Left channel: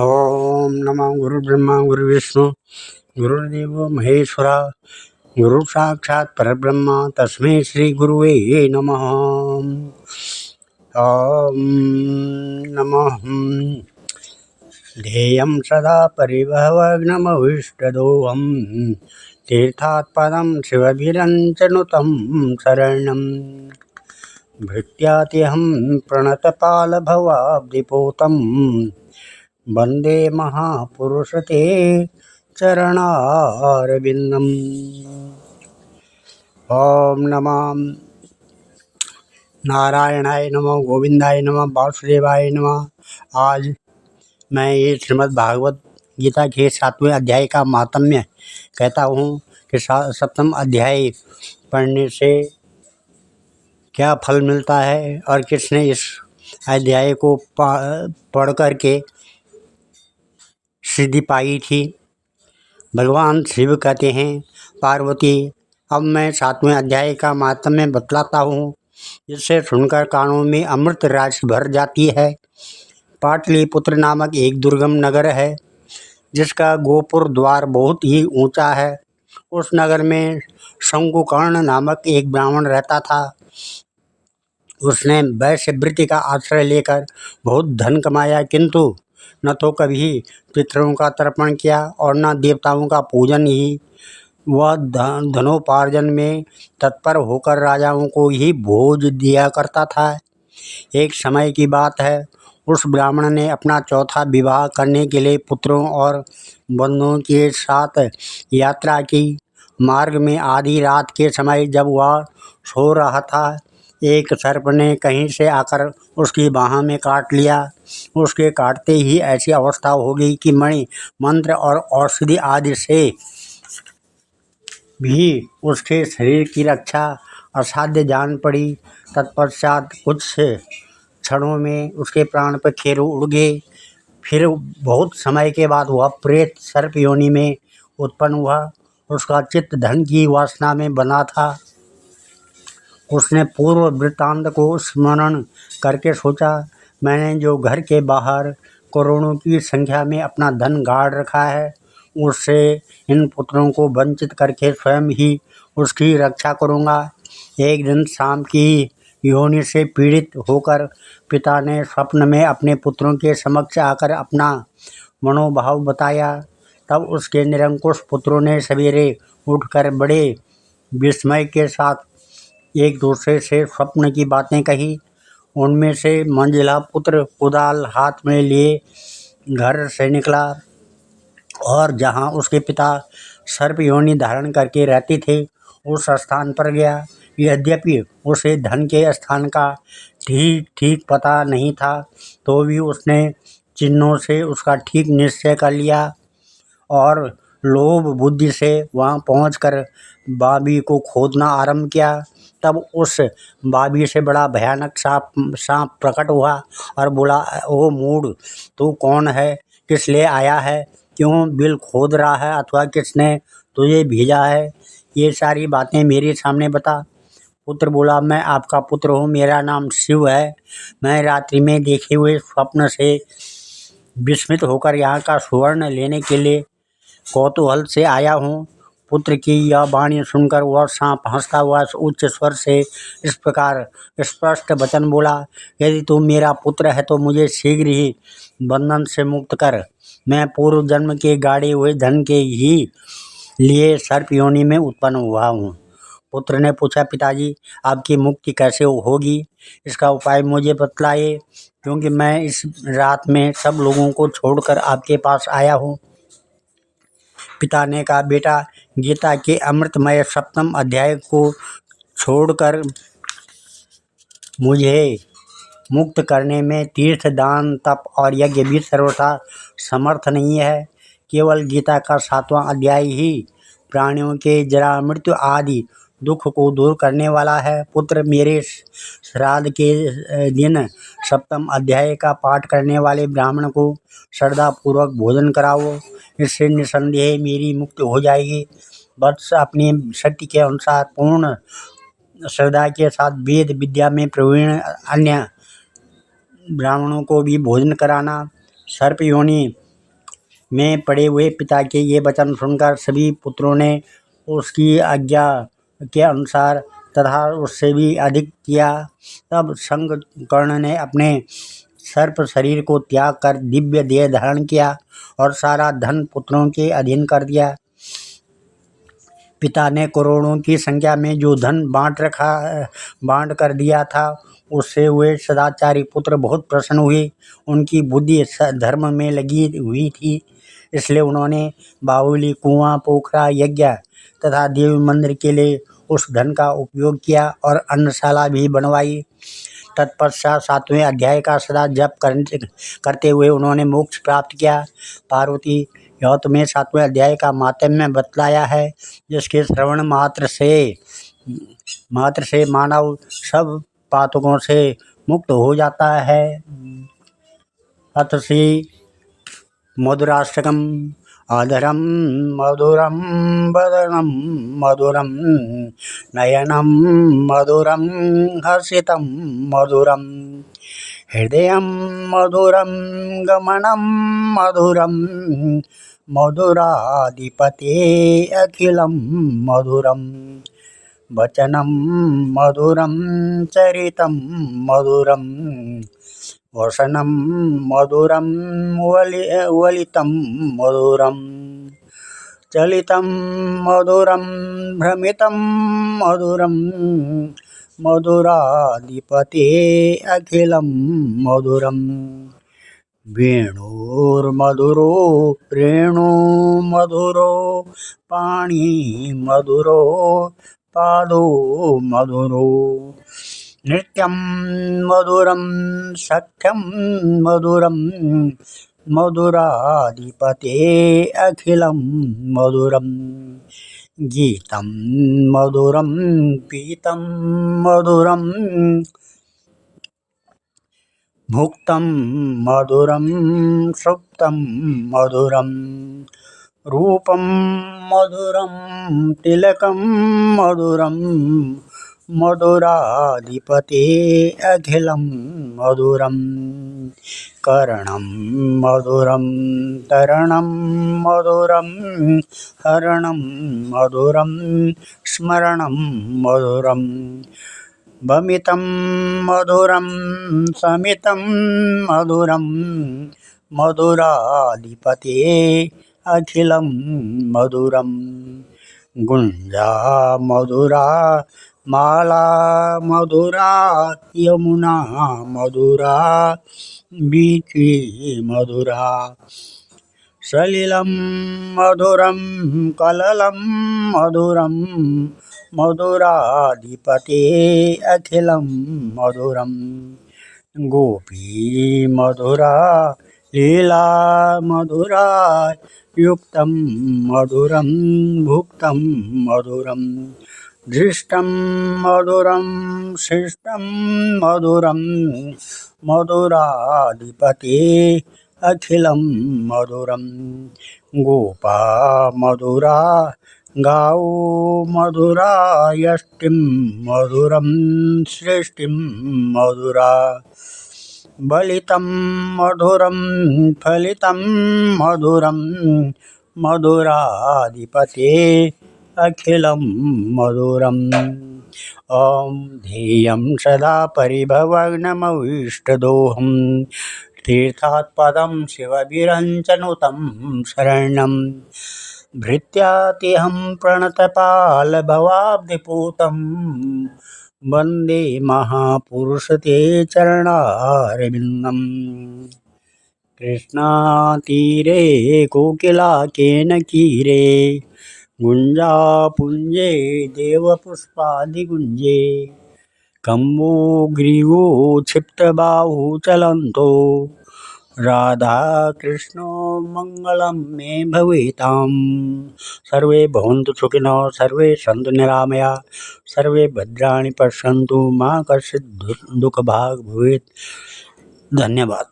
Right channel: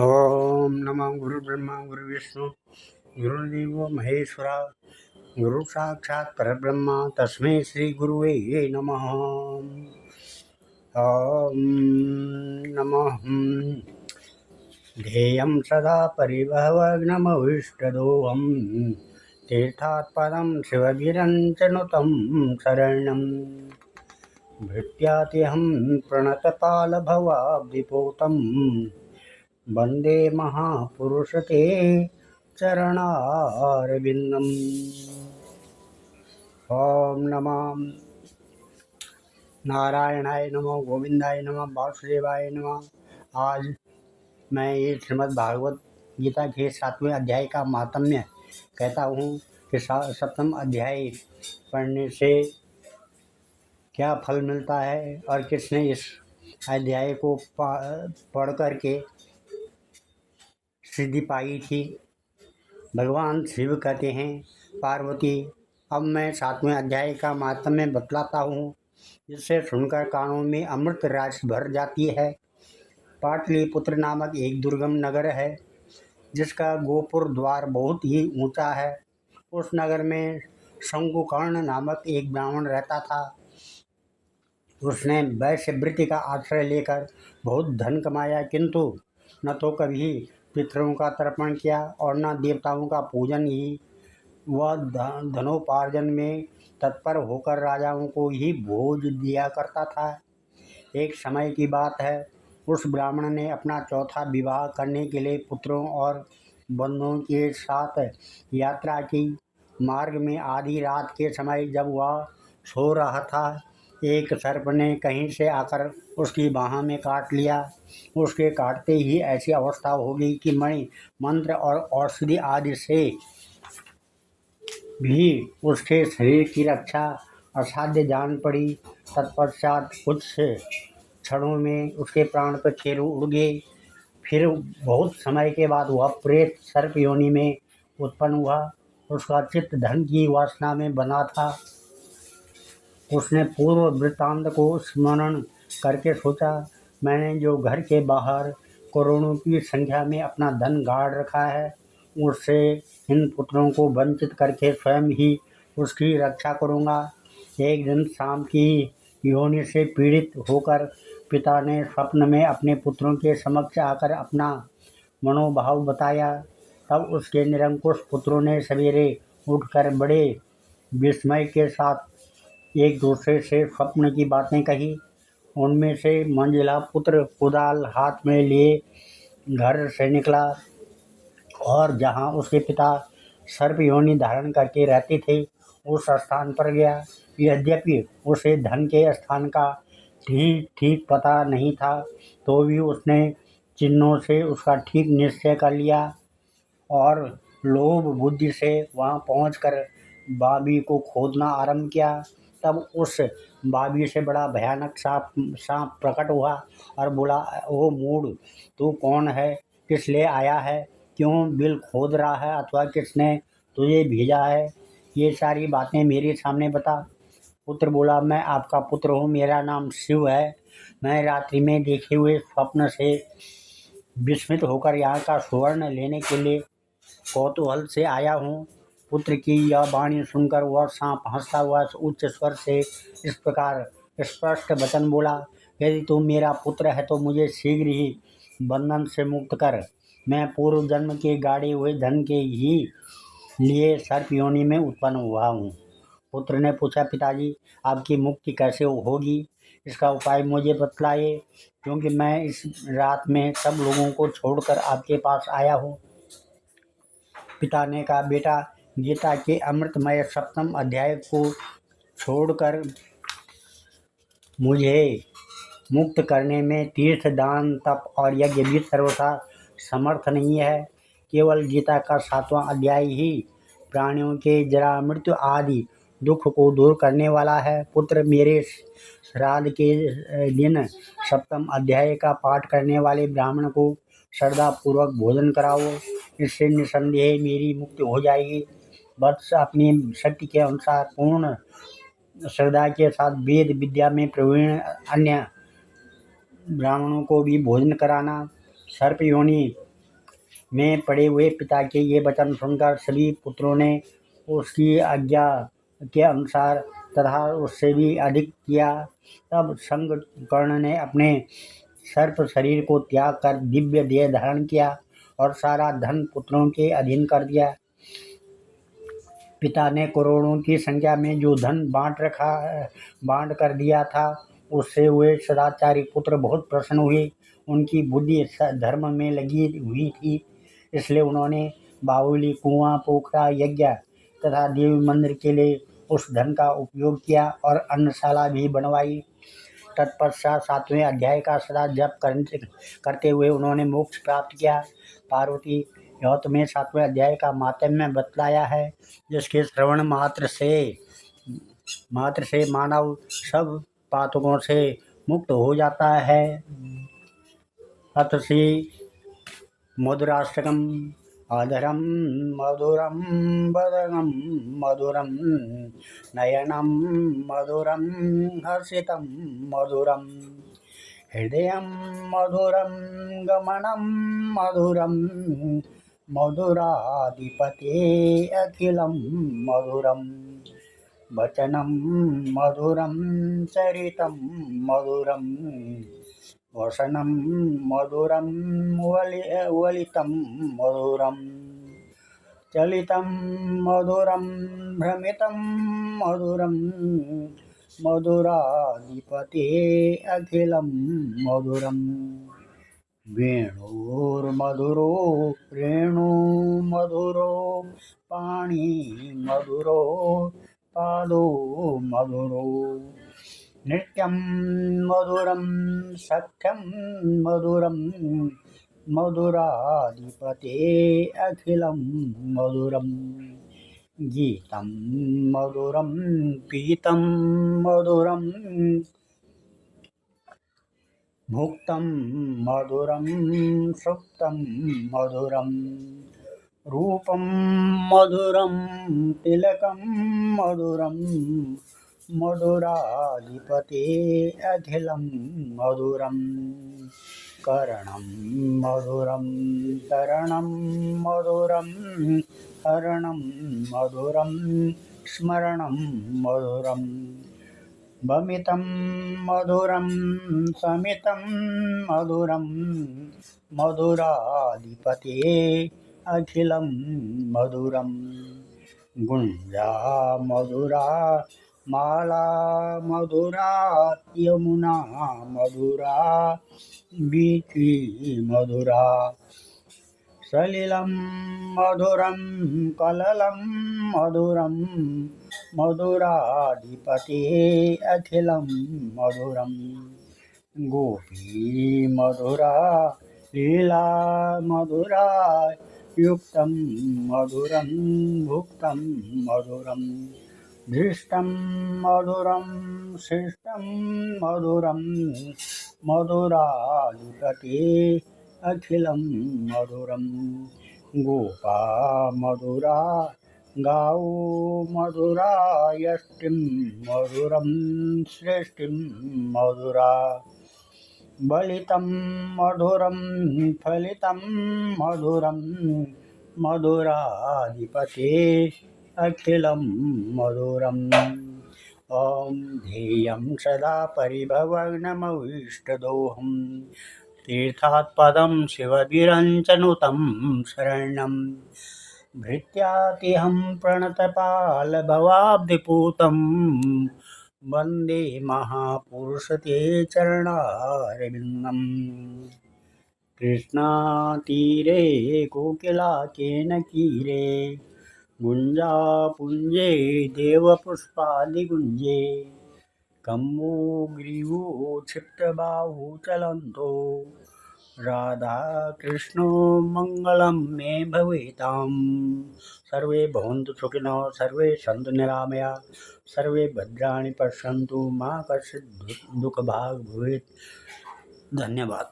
ओम नमः गुरुब्रह्मा गुरुविष्णु गुरुदेवो महेश्वरा गुरु साक्षात् परब्रह्म तस्मै श्री गुरुवे नमः। ओम नमः ध्येयं सदा परिभवग्नमविष्टदोहं तीर्थात्पदं शिवभिरञ्चनुतं शरणं भृत्यात्यहं प्रणतपालभवाब्धिपोतं वन्दे महापुरुषते चरणारविन्दम्। ओम नमः नारायणाय नमः गोविंदाय नमः वासुदेवाय नमः। आज मैं ये श्रीमद् भागवत गीता के 7वें अध्याय का माहात्म्य कहता हूँ कि 7वां अध्याय पढ़ने से क्या फल मिलता है और किसने इस अध्याय को पढ़ करके सिद्धि पाई थी। भगवान शिव कहते हैं, पार्वती अब मैं 7वें अध्याय का माहात्म्य बतलाता हूँ, जिससे सुनकर कानों में अमृत राशि भर जाती है। पाटलिपुत्र नामक एक दुर्गम नगर है, जिसका गोपुर द्वार बहुत ही ऊंचा है। उस नगर में शंकुकर्ण नामक एक ब्राह्मण रहता था। उसने वैश्यवृत्ति का आश्रय लेकर बहुत धन कमाया, किंतु न तो कभी पितरों का तर्पण किया और न देवताओं का पूजन ही। वह धनोपार्जन में तत्पर होकर राजाओं को ही भोज दिया करता था। एक समय की बात है, उस ब्राह्मण ने अपना चौथा विवाह करने के लिए पुत्रों और बंधुओं के साथ यात्रा की। मार्ग में आधी रात के समय जब वह सो रहा था, एक सर्प ने कहीं से आकर उसकी बाह में काट लिया। उसके काटते ही ऐसी अवस्था हो गई कि मणि मंत्र और औषधि आदि से भी उसके शरीर की रक्षा असाध्य जान पड़ी। तत्पश्चात कुछ क्षणों में उसके प्राण पखेरु उड़ गए। फिर बहुत समय के बाद वह प्रेत सर्प योनि में उत्पन्न हुआ। उसका चित्त धन की वासना में बना था। उसने पूर्व वृत्तांत को स्मरण करके सोचा, मैंने जो घर के बाहर करोड़ों की संख्या में अपना धन गाड़ रखा है, उससे इन पुत्रों को वंचित करके स्वयं ही उसकी रक्षा करूँगा। एक दिन शाम की योनि से पीड़ित होकर पिता ने स्वप्न में अपने पुत्रों के समक्ष आकर अपना मनोभाव बताया। तब उसके निरंकुश पुत्रों ने सवेरे उठकर बड़े विस्मय के साथ एक दूसरे से स्वप्न की बातें कही। उनमें से मंझला पुत्र कुदाल हाथ में लिए घर से निकला और जहाँ उसके पिता सर्प योनि धारण करके रहते थे, उस स्थान पर गया। यद्यपि उसे धन के स्थान का ठीक ठीक पता नहीं था, तो भी उसने चिन्हों से उसका ठीक निश्चय कर लिया और लोभ बुद्धि से वहाँ पहुंचकर बाबी को खोदना आरंभ किया। तब उस बाबी से बड़ा भयानक सांप प्रकट हुआ और बोला, ओ मूढ़, तू कौन है, किस लिए आया है, क्यों बिल खोद रहा है अथवा किसने तुझे भेजा है, ये सारी बातें मेरे सामने बता। पुत्र बोला, मैं आपका पुत्र हूँ, मेरा नाम शिव है। मैं रात्रि में देखे हुए स्वप्न से विस्मित होकर यहाँ का सुवर्ण लेने के लिए कौतूहल से आया हूँ। पुत्र की यह वाणी सुनकर वह सांप हंसता हुआ उच्च स्वर से इस प्रकार स्पष्ट वचन बोला, यदि तू मेरा पुत्र है तो मुझे शीघ्र ही बंधन से मुक्त कर। मैं पूर्व जन्म के गाड़े हुए धन के ही लिए सर्प योनि में उत्पन्न हुआ हूँ। पुत्र ने पूछा, पिताजी आपकी मुक्ति कैसे होगी, इसका उपाय मुझे बतलाइए, क्योंकि मैं इस रात में सब लोगों को छोड़कर आपके पास आया हूँ। पिता ने कहा, बेटा, गीता के अमृतमय 7वें अध्याय को छोड़कर मुझे मुक्त करने में तीर्थ दान तप और यज्ञ भी सर्वथा समर्थ नहीं है। केवल गीता का 7वां अध्याय ही प्राणियों के जरा मृत्यु आदि दुख को दूर करने वाला है। पुत्र, मेरे श्राद्ध के दिन 7वें अध्याय का पाठ करने वाले ब्राह्मण को श्रद्धापूर्वक भोजन कराओ, इससे निसंदेह मेरी मुक्ति हो जाएगी। वत्स, अपनी शक्ति के अनुसार पूर्ण श्रद्धा के साथ वेद विद्या में प्रवीण अन्य ब्राह्मणों को भी भोजन कराना। सर्प योनि में पड़े हुए पिता के ये वचन सुनकर सभी पुत्रों ने उसकी आज्ञा के अनुसार तथा उससे भी अधिक किया। तब शंखकर्ण ने अपने सर्प शरीर को त्याग कर दिव्य देह धारण किया और सारा धन पुत्रों के अधीन कर दिया। पिता ने करोड़ों की संख्या में जो धन बांट कर दिया था, उससे वे सदाचारी पुत्र बहुत प्रसन्न हुए। उनकी बुद्धि धर्म में लगी हुई थी, इसलिए उन्होंने बाहुली, कुआं, पोखरा, यज्ञ तथा देवी मंदिर के लिए उस धन का उपयोग किया और अन्नशाला भी बनवाई। तत्पश्चात 7वें अध्याय का सदा जप करते हुए उन्होंने मोक्ष प्राप्त किया। पार्वती, यह तुम्हें 7वें अध्याय का माहात्म्य बतलाया है, जिसके श्रवण मात्र से मानव सब पातकों से मुक्त हो जाता है। अथ श्री मधुराष्टकम। अधरम मधुरम वदनम मधुरम नयनम मधुरम हर्षितम मधुरम हृदयं मधुरं गमनं मधुरं मधुराधिपते अखिलं मधुरं वचनं मधुरं चरितं मधुरं वसनं मधुरं वलितं मधुरं चलितं मधुरं भ्रमितं मधुरं मधुराधिपते अखिलं मधुरं वेणुर्मधुरो रेणुमधुरो पाणिमधुरो पादो मधुरो नृत्यं मधुरं सख्यं मधुरं मधुराधिपते अखिलं मधुरं गीतं मधुरं पीतं मधुरं भुक्तं मधुरं सुप्तं मधुरं रूपं मधुरं तिलकं मधुरं मधुराधिपते अखिलं मधुरं कर्णं मधुरं तरणं मधुरं हरणं मधुरं स्मरणं मधुरं भमितं मधुरं समितं मधुरं मधुराधिपते अखिलं मधुरं गुञ्जा मधुरा माला मधुरा यमुना मधुरा वीथी मधुरा सलिलं मधुरं कललं मधुरं मधुराधिपते अखिलं मधुरं गोपी मधुरा लीला मधुरा युक्तं मधुरं भुक्तं मधुरं दृष्टं मधुरं शिष्टं मधुरं मधुराधिपते अखिलं मधुरं गोपा मधुरा गाओ मधुरा यष्टिं मधुरं सृष्टिं मधुरा बलितं मधुरं फलितं मधुरं मधुराधिपते अखिलं मधुरं ॐ ध्येयं सदा परिभवग्नमविष्टदोहं तीर्थात्पदं शिवविरञ्चनुतं शरणं भृत्यातिहं प्रणतपालभवाब्धिपूतं वन्दे महापुरुषते चरणारविन्दम् कृष्णातीरे कोकिलाकेनकीरे गुञ्जापुञ्जे देवपुष्पादिगुञ्जे कम्बोग्रीवो क्षिप्तबाहु चलन्तो राधाकृष्णो मङ्गलं मे भवेतां सर्वे भवन्तु सुखिनः सर्वे सन्तु निरामया सर्वे भद्राणि पश्यन्तु मा कश्चित् दुःखभाग् भवेत्। धन्यवाद।